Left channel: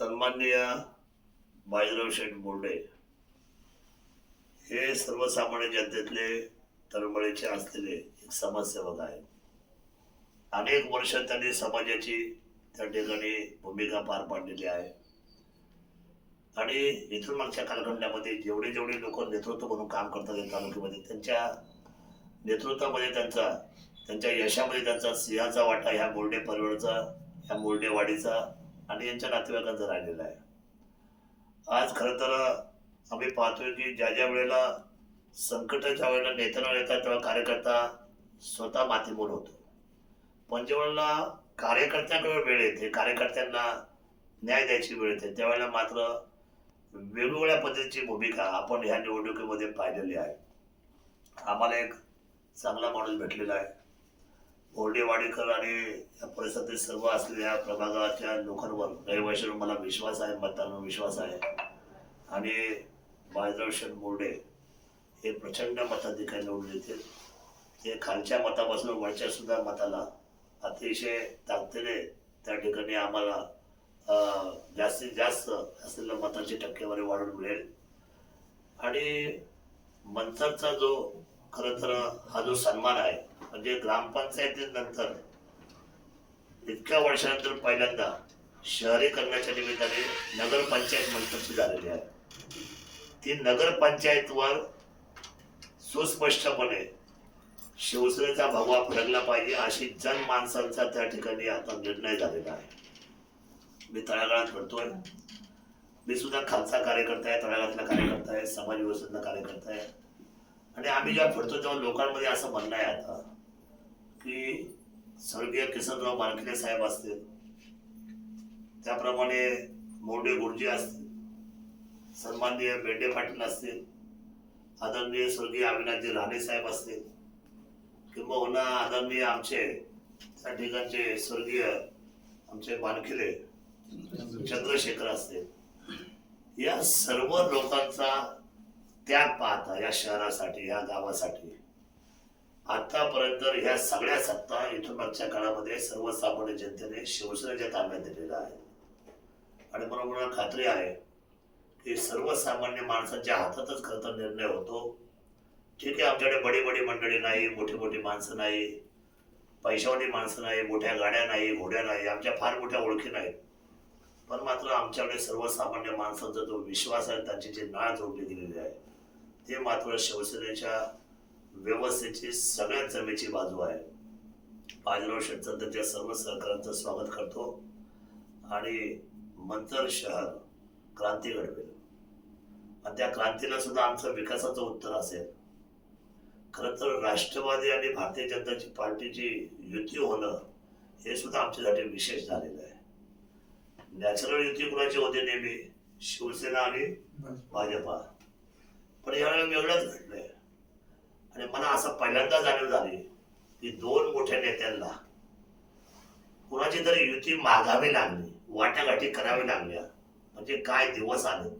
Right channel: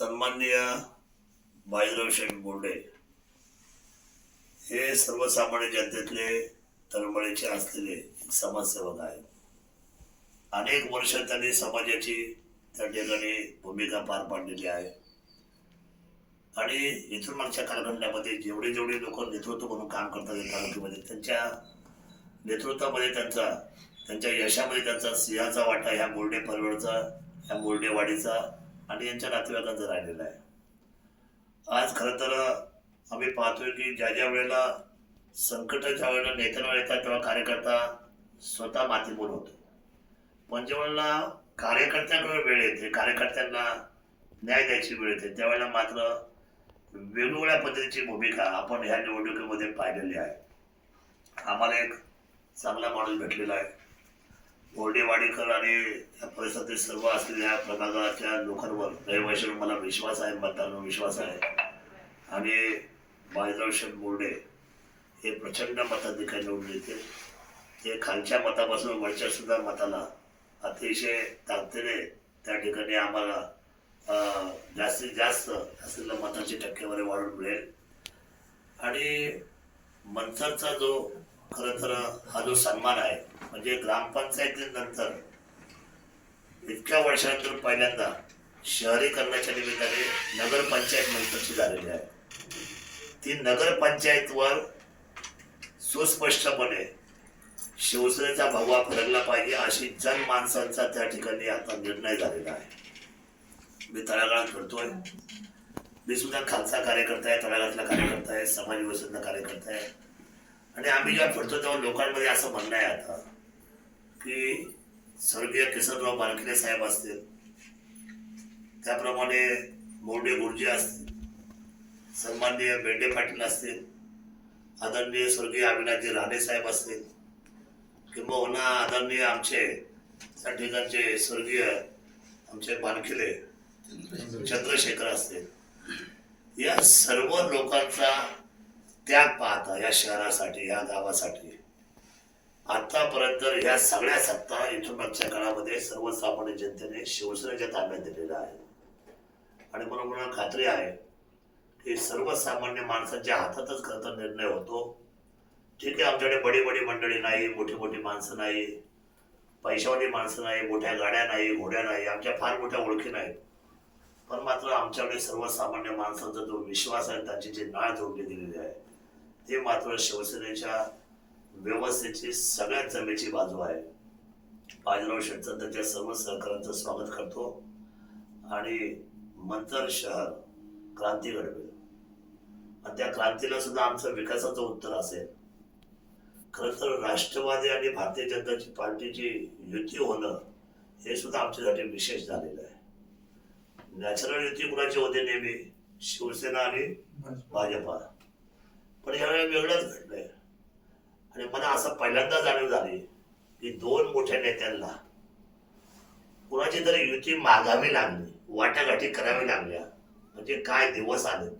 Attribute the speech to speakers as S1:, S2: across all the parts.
S1: सन्माननीय बाजीराव शेठ बोर्डे हे सर्वसामान्य जनतेतले तळमळीचे असलेले एक समाजसेवक आहेत. अनेक वर्ष त्यांनी समाजाची त्या ठिकाणी भूमिका पार पाडलेली आहे. आणि इथून मागच्या कालखंडामध्ये जेवढे जेवढे लोक नेतृत्व म्हणून काम करतात या तालुक्यामध्ये त्यांच्या नेतृत्वामध्ये त्यांचा त्यांच्या यशामध्ये त्यांचा सिंहाचा वाटा ह्या बोर्डे परवडचा ह्या बोर्डेवाडीचा आणि यांच्या नातेवाईकांचा राहिलेला आहे. आज खरं तर आम्ही पाहतोय की ज्या ज्या वेळेला संकट ज्या वेळेला नेत्यांवर येतात तेव्हा कार्यकर्ता स्वतः मातीमोल होतो. पण जेव्हा कार्यकर्त्यांकडे वेळ येते कार्यकर्त्यांना न्याय द्यायची वेळ येते त्यावेळेला मात्र वेगवेगळ्या पद्धतीची भूमिका आपण ह्या निवडणुकीमध्ये पाहिलेली आहे. आम्हाला एक चांगला माणूस भेटलेला आहे. बोर्डेवाडीकर आणि या परिसरातील सर्व असलेल्या प्रभागाच्या लोकांवर रहिवाशांवर मला विश्वास आहे मतदारांवर विश्वास आहे. आणि बाळजाव शेठ बोर्डे हे प्रचंड मताधिकारी निवडून येतील. ते खालच्या मतापासून वरच्या सुद्धा मताला अतिशय ताकदीने त्या ठिकाणी आम्हाला जास्तीत जास्त असलेल्या मताची टक्केवारी वाढून मिळेल. आणि मंथरचा जो खरं तर हा जो सन्मान आहे म्हणजे ग्रामपंचायतीनंतर इतक्या वर्षानंतर पहिल्यांदा शहरीकरणाच्या निमित्ताने नगरपंचायत मंथरची झालेली आहे. ती नगरपंचायतवर सुस्पष्टपणे शिवसेनेचा भगवा फडकला पाहिजे अशी जनमानसांचा त्या ठिकाणी आता निर्णय झालेला आहे. मी तळागाळात करतोय मी सुद्धा खालचा कार्यकर्ता आहे तळागाळातला कार्यकर्ता आहे समाज व्यवस्थेतला कार्यकर्ता आहे. आणि आम्ही जेव्हा फिरतो तेव्हा लोकांमध्ये असं म्हणणं आहे आता की स्वर्गीय किसनराव बारकिले साहेब असतील त्याप्रमाणे मोर्डे गुरुजी असतील सन्माननीय बेंडे पाटील असतील आदरणीय स्वर्गीय अविनाशजी राणे साहेब असतील किंबहुना आदरणीय आमचे त्या ठिकाणचे स्वर्गीय आमचे बानखिले चंद्रशेखर असतील. या सर्व लोकांचा त्याग पाहता या शहरासाठी या गावासाठी. आतापर्यंत ह्या सगळ्या सत्ता इथून मागच्या काळामध्ये सर्वसामान्य जनतेने शिवसेनेच्या ताब्यात दिलेल्या आहे आणि म्हणून मला खात्री आहे की सर्वसामान्य माणसाच्या हातातच खरं तर निर्णय होतो. ठीक आहे आमच्याकडे बडी बडी मंडळी नाही मोठी मोठी माणसं नाही पैशावाली माणसं नाही मोठ्या गाड्या नाही घोड्या नाही आमच्या फार मोठ्या ओळखी नाहीत. पण मात्र आमच्याकडे सर्वसामान्य माणसांचा जो विश्वास आहे त्याची जी नाळ जोडली गेलेली आहे ते मात्र शिवसेनेच्या व्यवस्थेची सगळ्यात जमेची बाजू आहे. बाजीराव शेटचं त्यांच्या सर्व सहकाऱ्यांचं स्वागत करतो आणि मंतर शहर क्रांती घडवेल. आणि त्या क्रांतीला सुद्धा आमचं विकासाचं उत्तर असेल. खरं तर राष्ट्रवादी आणि भारतीय जनताची पार्टीची युती होणं हे सुद्धा आमच्यासाठी विशेष झालेलं आहे. नॅचरल युती कुणाची होते नेहमी? शिवसेना आणि भाजपा. पण यावेळेला वेगळंच घडलंय आणि मला असं पहिल्यांदा जाणीव झाली की दोन मोठ्या नेत्यांना कुणाची तरी युती मागावी लागली वाटाघाटी करावी लागल्या म्हणजे काय दिवस आले.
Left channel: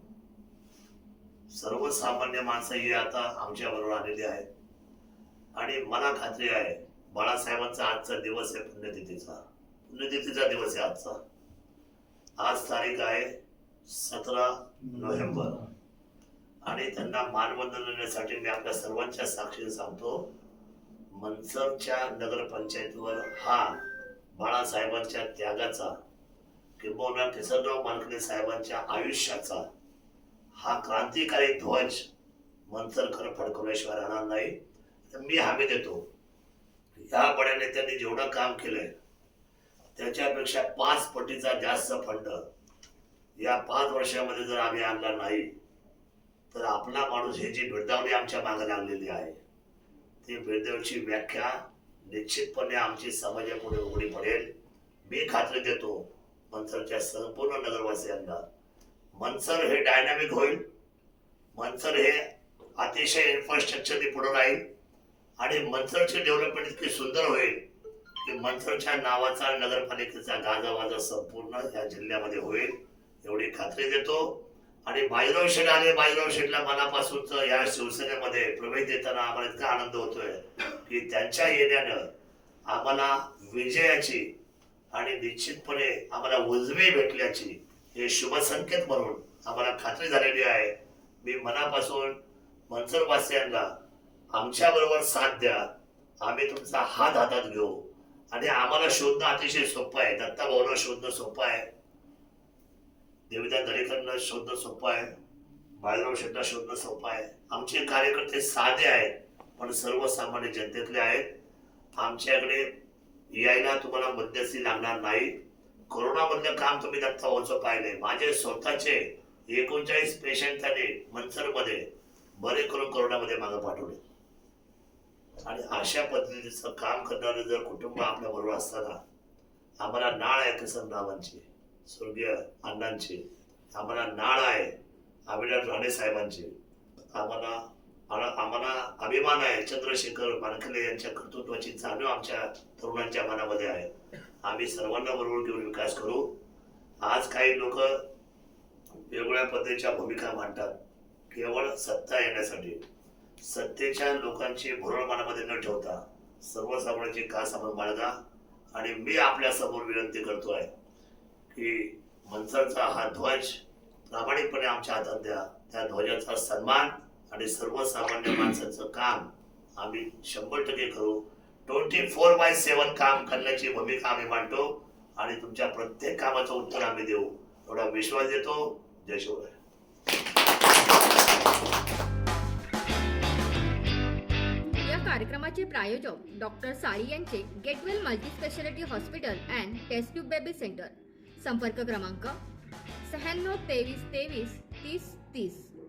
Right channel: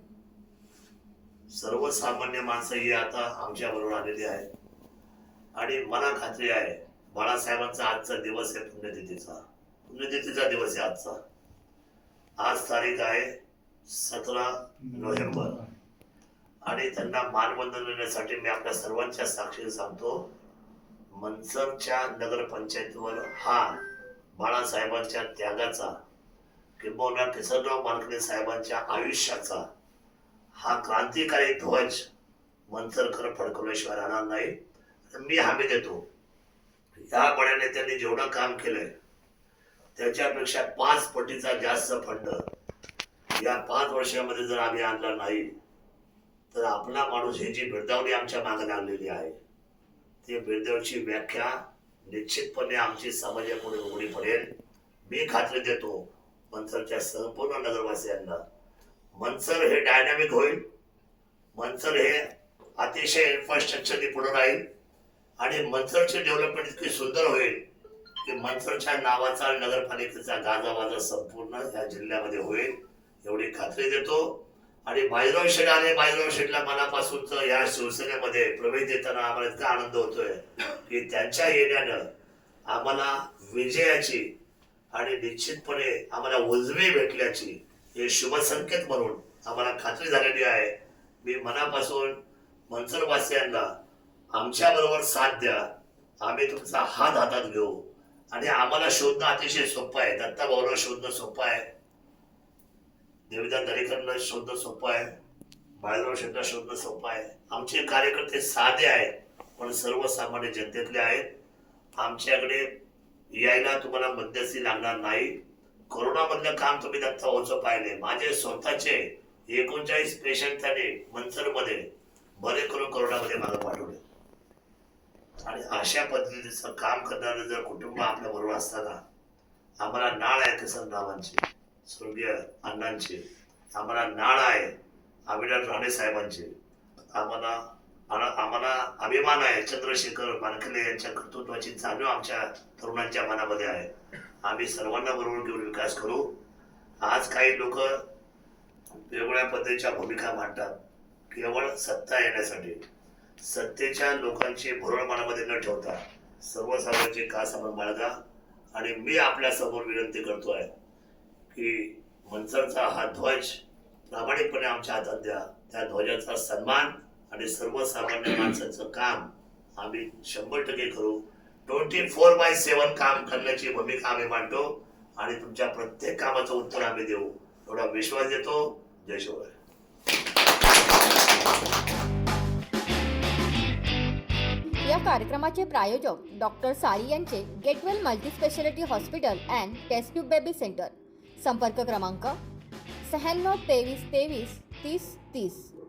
S1: सर्वसामान्य माणसं ही आता आमच्या बरोबर आलेली आहेत. आणि मला खात्री आहे बाळासाहेबांचा आजचा दिवस आहे पुण्यतिथीचा. पुण्यतिथीचा दिवस आहे आजचा. आज तारीख आहे सतरा नोव्हेंबर. आणि त्यांना मानवंदन देण्यासाठी मी आपल्या सर्वांच्या साक्षीने सांगतो मनसरच्या नगरपंचायतीवर हा बाळासाहेबांच्या त्यागाचा किंबहुना किसनराव मानकरे साहेबांच्या आयुष्याचा हा क्रांतिकारी ध्वज मनसरकर फडकवल्याशिवाय राहणार नाही. तर मी हमी देतो. या बड्या नेत्यांनी जेवढं काम केलंय त्याच्यापेक्षा पाच पटीचा जास्त फंड या पाच वर्षामध्ये जर आम्ही आणला नाही तर आपला माणूस ही जी बिरदावणी आमच्या मागे लागलेली आहे ती बिरदावची व्याख्या निश्चितपणे आमची समाजापुढे उघडी पडेल. मी खात्री देतो मनसरच्या संपूर्ण नगरवासियांना मनसर हे डायनामिक होईल. मनसर हे अतिशय इन्फ्रास्ट्रक्चरने पुढे राहील. आणि मनसरची डेव्हलपमेंट इतकी सुंदर होईल की मनसरच्या नावाचा नगरपालिकेचा गाजावाजा संपूर्ण या जिल्ह्यामध्ये होईल एवढी खात्री देतो. आणि भाईराव शेठ आले भाईराव शेठला मनापासूनच या शिवसेनेमध्ये प्रवेश देताना आम्हाला इतका आनंद होतोय की त्यांच्या येण्यानं आम्हाला विजयाची आणि निश्चितपणे आम्हाला उजवी भेटल्याची हे शुभ संकेत म्हणून आम्हाला खात्री झालेली आहे. मी मनापासून मनसरवासियांना आमच्याबरोबर साथ द्या. आम्ही तुमचा हात हातात घेऊ. आणि आम्हाला शोधणं अतिशय सोपं आहे. दत्ता भाऊला शोधणं सोपं आहे. देवीदा दरेकरला शोधणं सोपं आहे. बाळराव शेट्टा शोधणं सोपं आहे. आमचे कार्यकर्ते साधे आहेत पण सर्वसामान्य जनतेतले आहेत. आमच्याकडे यायला तुम्हाला मध्यस्थी लागणार नाही. कोरोनामधलं काम तुम्ही दत्ता भाऊचं पाहिले माझे स्वतःचे एकोणचाळीस पेशंट त्याने मनसरमध्ये बरे करून कोरोनामध्ये मागं पाठवले. आणि अशा पद्धतीचं काम करणारे जर कुटुंब आपल्या बरोबर असताना आम्हाला नाळ आहे किसनरावांची स्वर्गीय अण्णांचे आम्हाला नाळ आहे अविनाश राणे साहेबांचे. आम्हाला आम्हाला अभिमान आहे चंद्रशेखर मानखले यांच्या कर्तृत्वाची जाणीव आमच्या तरुणांच्या मनामध्ये आहे. आम्ही सर्वांना बरोबर घेऊन विकास करू. आज काही लोक वेगवेगळ्या पद्धतीच्या भूमिका मांडतात केवळ सत्ता येण्यासाठी. सत्तेच्या लोकांची भुरळ मनामध्ये न ठेवता सर्वसामान्यांची का समोर बाळगा आणि मी आपल्यासमोर विनंती करतोय. की मनसरचा हा ध्वज प्रामाणिकपणे आमच्या हातात द्या. त्या ध्वजाचा सन्मान आणि सर्वसामान्य माणसाचं काम आम्ही शंभर टक्के करू. ट्वेंटी फोर बाय सेवन काम करण्याची भूमिका आम्ही मांडतो आणि तुमच्या प्रत्येक कामाचं उत्तर आम्ही देऊ. एवढा विश्वास देतो. जय शिवराय.
S2: या कार्यक्रमाचे प्रायोजक डॉक्टर साळी यांचे get well multispeciality hospital and test tube baby centre. संपर्क क्रमांक शहाण्णव तेवीस तेवीस तीस तीस.